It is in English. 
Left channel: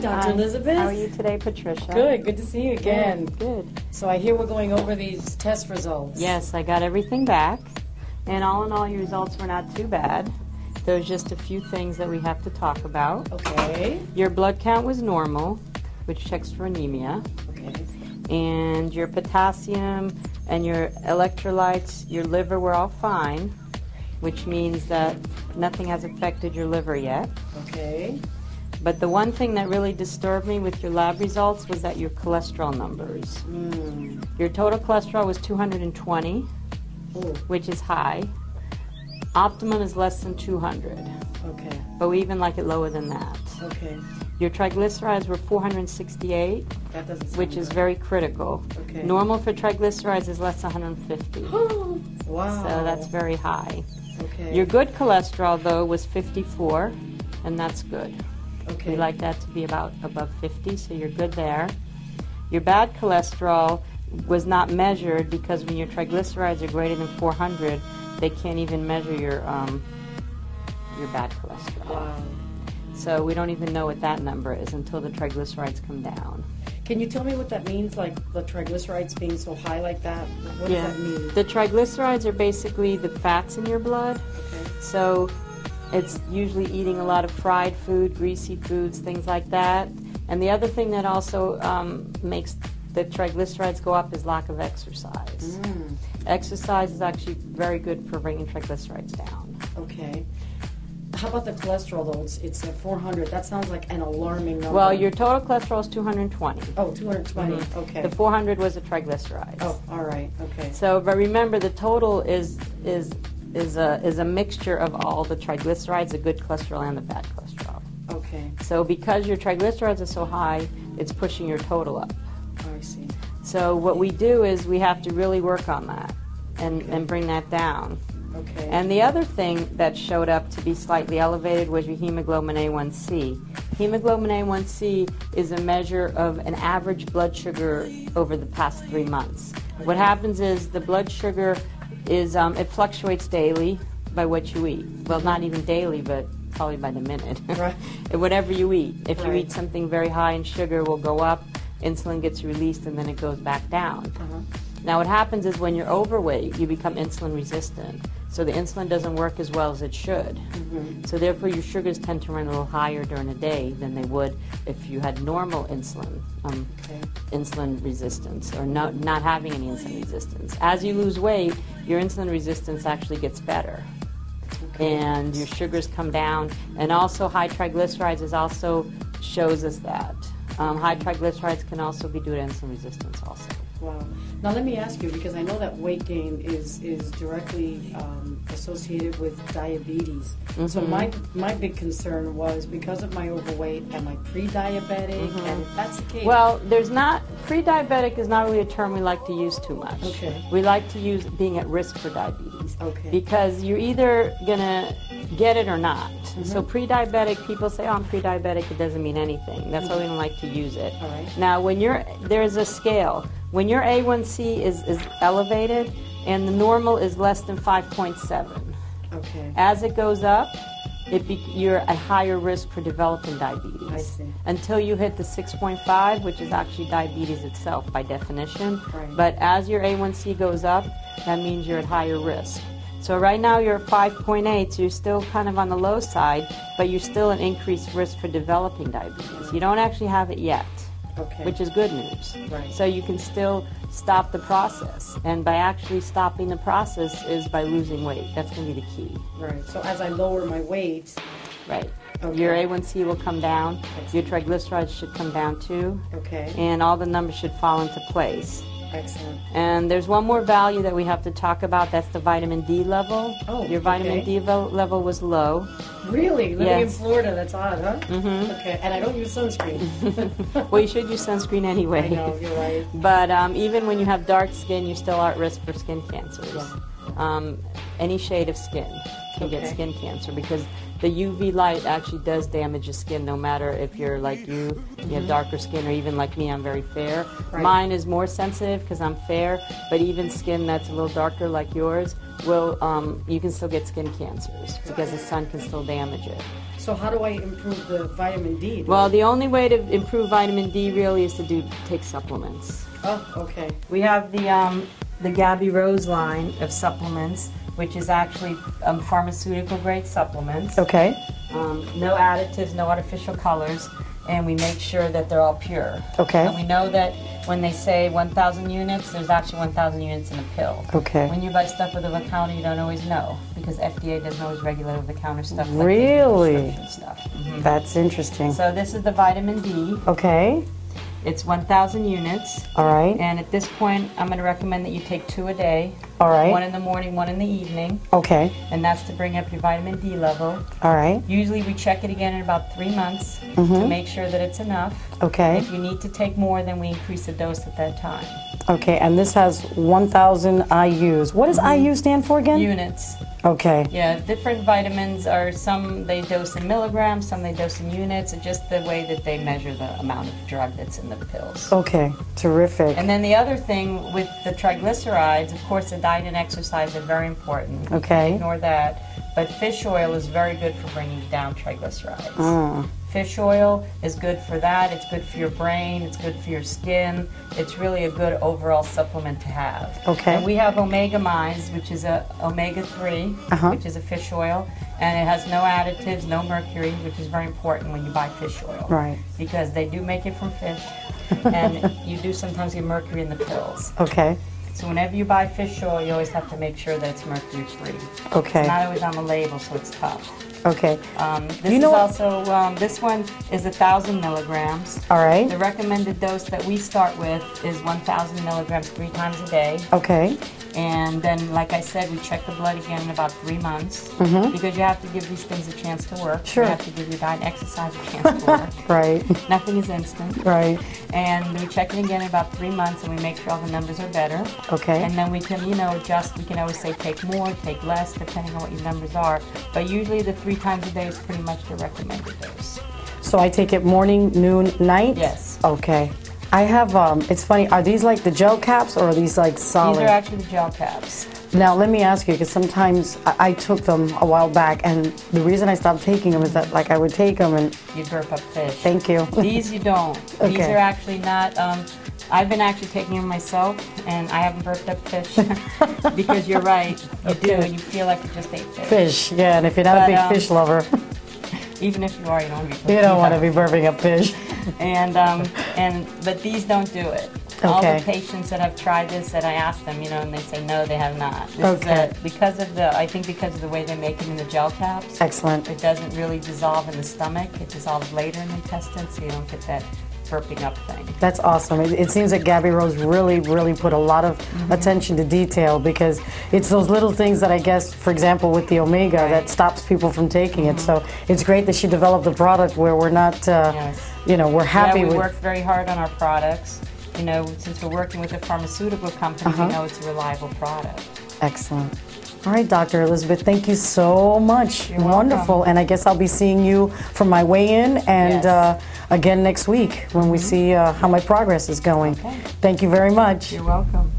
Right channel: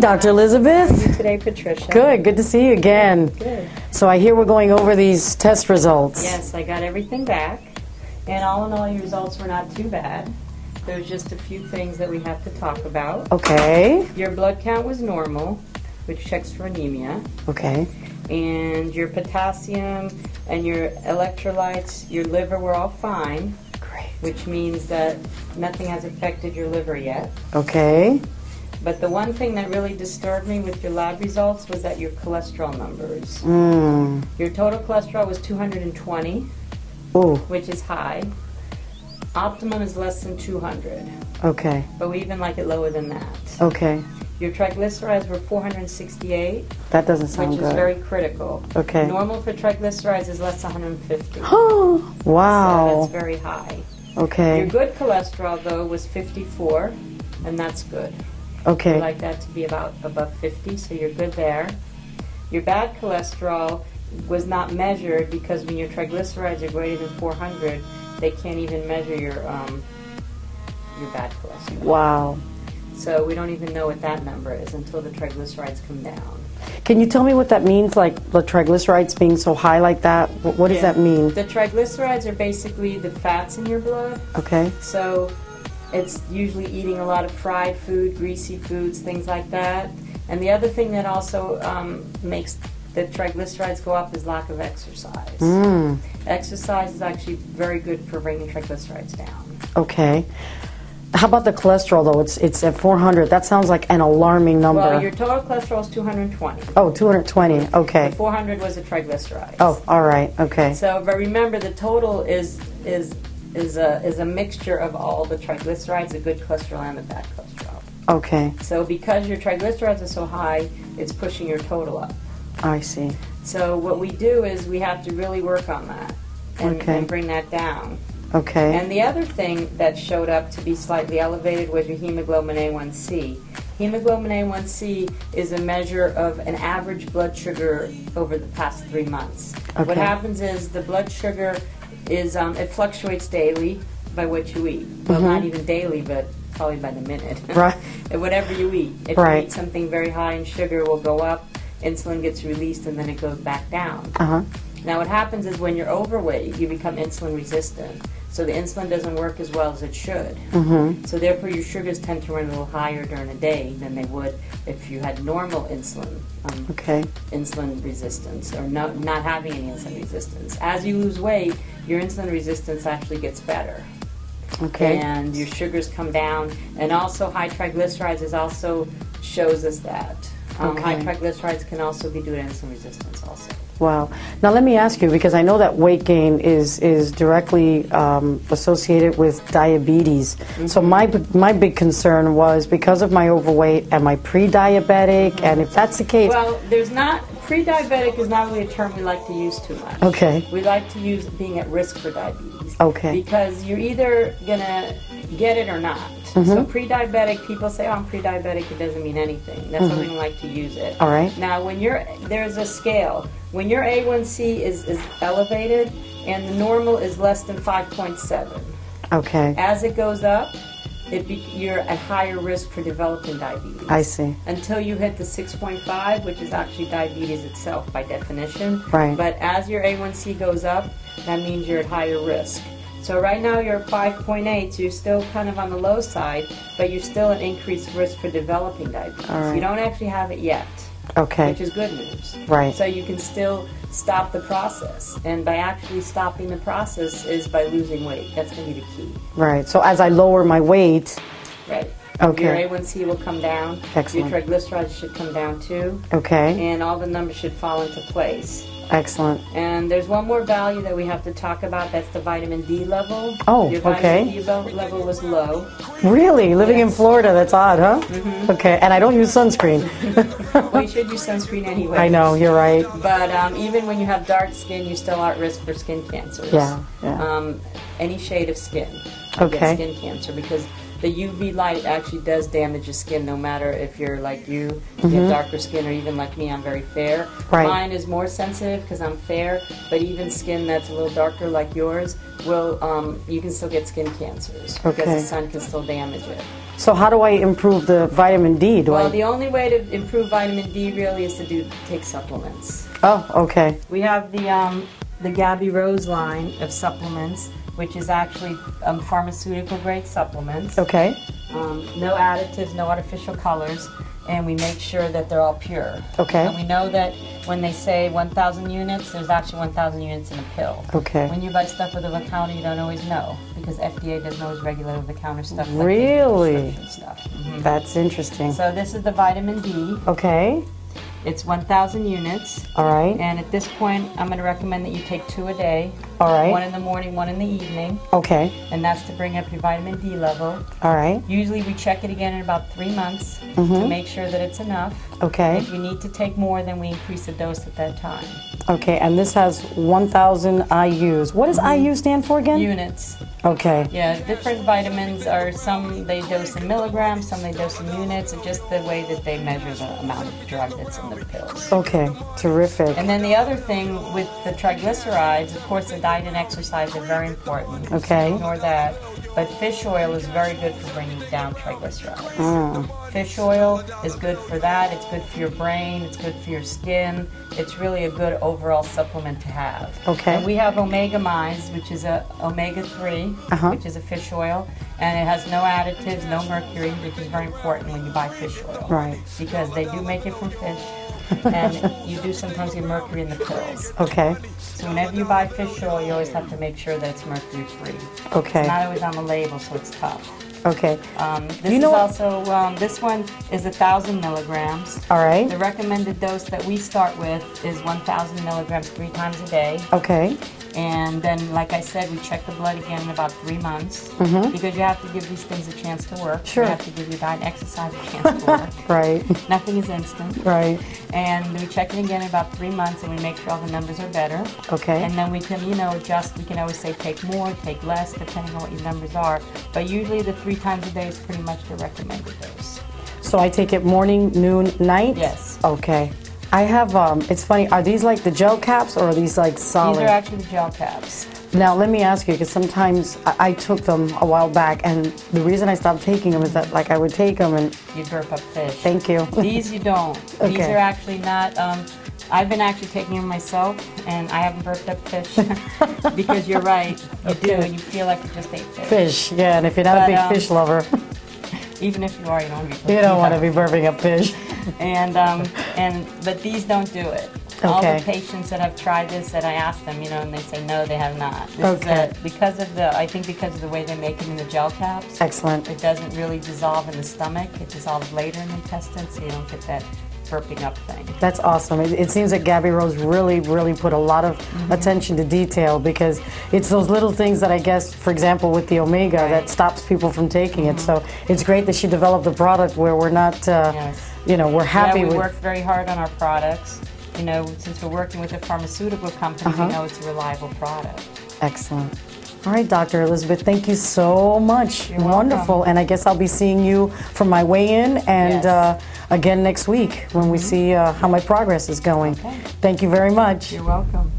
Dr. Elizabeth. How are you today, Patricia? Good to see you again. Good. So I hear we're going over these test results. Yes, I got everything back, and all in all, your results were not too bad. There's just a few things that we have to talk about. Okay. Your blood count was normal, which checks for anemia. Okay. And your potassium and your electrolytes, your liver were all fine. Great. Which means that nothing has affected your liver yet. Okay. But the one thing that really disturbed me with your lab results was that your cholesterol numbers. Your total cholesterol was 220, Ooh. which is high. Optimum is less than 200. Okay. But we even like it lower than that. Okay. Your triglycerides were 468, That doesn't sound which good. is very critical. Okay. Normal for triglycerides is less than 150. Oh, wow. So that's very high. Okay. Your good cholesterol, though, was 54, and that's good. Okay. We like that to be about above 50, so you're good there. Your bad cholesterol was not measured because when your triglycerides are greater than 400, they can't even measure your bad cholesterol. Wow. So we don't even know what that number is until the triglycerides come down. Can you tell me what that means, like the triglycerides being so high like that? What does that mean? The triglycerides are basically the fats in your blood. Okay. So it's usually eating a lot of fried food, greasy foods, things like that. And the other thing that also makes the triglycerides go up is lack of exercise. Exercise is actually very good for bringing triglycerides down. Okay. How about the cholesterol, though? It's at 400. That sounds like an alarming number. Well, your total cholesterol is 220. Oh, 220. Okay. The 400 was the triglycerides. Oh, all right. Okay. So, but remember, the total is a mixture of all the triglycerides, the good cholesterol and the bad cholesterol. Okay. So because your triglycerides are so high, it's pushing your total up. I see. So what we do is we have to really work on that and bring that down. Okay. And the other thing that showed up to be slightly elevated was your hemoglobin A1C. Hemoglobin A1C is a measure of an average blood sugar over the past 3 months. Okay. What happens is the blood sugar is, it fluctuates daily by what you eat. Well, not even daily, but probably by the minute. Right. And whatever you eat. If you eat something very high in sugar, it will go up, insulin gets released, and then it goes back down. Now what happens is when you're overweight, you become insulin resistant. So the insulin doesn't work as well as it should. So therefore your sugars tend to run a little higher during the day than they would if you had normal insulin. Insulin resistance, or not having any insulin resistance. As you lose weight, your insulin resistance actually gets better. And your sugars come down, and also high triglycerides is also shows us that. High triglycerides can also be due to insulin resistance also. Wow. Now let me ask you, because I know that weight gain is directly associated with diabetes. So my big concern was, because of my overweight, am I pre-diabetic? And if that's the case... Well, pre-diabetic is not really a term we like to use too much. Okay. We like to use being at risk for diabetes. Okay. Because you're either going to get it or not. So pre-diabetic, people say, oh, I'm pre-diabetic, it doesn't mean anything. That's why we don't like to use it. All right. Now, when there's a scale. When your A1C is elevated and the normal is less than 5.7. Okay. As it goes up, you're at higher risk for developing diabetes. I see. Until you hit the 6.5, which is actually diabetes itself by definition. Right. But as your A1C goes up, that means you're at higher risk. So right now you're at 5.8, so you're still kind of on the low side, but you're still at increased risk for developing diabetes. Right. You don't actually have it yet. Okay. Which is good news. Right. So you can still stop the process. And by actually stopping the process is by losing weight. That's going to be the key. Right. So as I lower my weight... Right. Okay. Your A1C will come down. Excellent. Your triglycerides should come down too. Okay. And all the numbers should fall into place. Excellent. And there's one more value that we have to talk about. That's the vitamin D level. Oh, Your vitamin D level was low. Really? Living in Florida, that's odd, huh? Okay, and I don't use sunscreen. Well, you should use sunscreen anyway. I know, you're right. But even when you have dark skin, you still are at risk for skin cancers. Yeah. Any shade of skin. Okay. Skin cancer, because the UV light actually does damage your skin, no matter if you're like you have darker skin, or even like me, I'm very fair. Right. Mine is more sensitive because I'm fair, but even skin that's a little darker like yours will, you can still get skin cancers because the sun can still damage it. So how do I improve the vitamin D? The only way to improve vitamin D really is to take supplements. Oh, okay. We have the Gabi Rose line of supplements, which is actually pharmaceutical grade supplements. Okay. No additives, no artificial colors, and we make sure that they're all pure. Okay. And we know that when they say 1,000 units, there's actually 1,000 units in a pill. Okay. When you buy stuff over the counter, you don't always know, because FDA doesn't always regulate over the counter stuff. Really? Like prescription stuff. That's interesting. So this is the vitamin D. Okay. It's 1,000 units. All right. And at this point, I'm going to recommend that you take 2 a day. All right. 1 in the morning, 1 in the evening. Okay. And that's to bring up your vitamin D level. All right. Usually we check it again in about 3 months to make sure that it's enough. Okay. If you need to take more, then we increase the dose at that time. Okay, and this has 1,000 IUs. What does IU stand for again? Units. Okay. Yeah, different vitamins are, some they dose in milligrams, some they dose in units. It's just the way that they measure the amount of drug that's in the pills. Okay, terrific. And then the other thing with the triglycerides, of course, the diet and exercise are very important. Okay. Ignore that. But fish oil is very good for bringing down triglycerides. Fish oil is good for that. It's good for your brain. It's good for your skin. It's really a good overall supplement to have. Okay. And we have omega mize, which is a omega-3, which is a fish oil, and it has no additives, no mercury, which is very important when you buy fish oil. Right. Because they do make it from fish, and you do sometimes get mercury in the pills. Okay. So whenever you buy fish oil, you always have to make sure that it's mercury-free. Okay. It's not always on the label, so it's tough. Okay. This is also, this one is 1,000 milligrams. All right. The recommended dose that we start with is 1,000 milligrams 3 times a day. Okay. And then, like I said, we check the blood again in about 3 months because you have to give these things a chance to work. Sure. You have to give your diet and exercise a chance to work. Right. Nothing is instant. Right. And we check it again in about 3 months, and we make sure all the numbers are better. Okay. And then we can, adjust. We can always say take more, take less, depending on what your numbers are. But usually the 3 times a day is pretty much the recommended dose. So I take it morning, noon, night? Yes. Okay. I have, it's funny, are these like the gel caps or are these like solid? These are actually the gel caps. Now let me ask you, because sometimes I took them a while back, and the reason I stopped taking them is that like I would take them and... You burp up fish. Thank you. These you don't. Okay. These are actually not, I've been actually taking them myself, and I haven't burped up fish because you're right, you do, and you feel like you just ate fish. Fish, yeah, and if you're not a big fish lover... Even if you are, you don't want to be. You don't want to be burping up fish. But these don't do it. Okay. All the patients that have tried this, that I ask them, and they say no, they have not. This Okay. is because of the way they make it in the gel caps. Excellent. It doesn't really dissolve in the stomach. It dissolves later in the intestine, so you don't get that burping up thing. That's awesome. It seems that Gabi Rose really put a lot of attention to detail, because it's those little things that I guess, for example, with the omega, that stops people from taking it. So it's great that she developed a product where we're not, we're happy with... We work very hard on our products. Since we're working with a pharmaceutical company, we know it's a reliable product. Excellent. All right, Dr. Elizabeth, thank you so much. You're wonderful. welcome. And I guess I'll be seeing you for my weigh-in and again next week when we see how my progress is going. Okay. Thank you very much. You're welcome.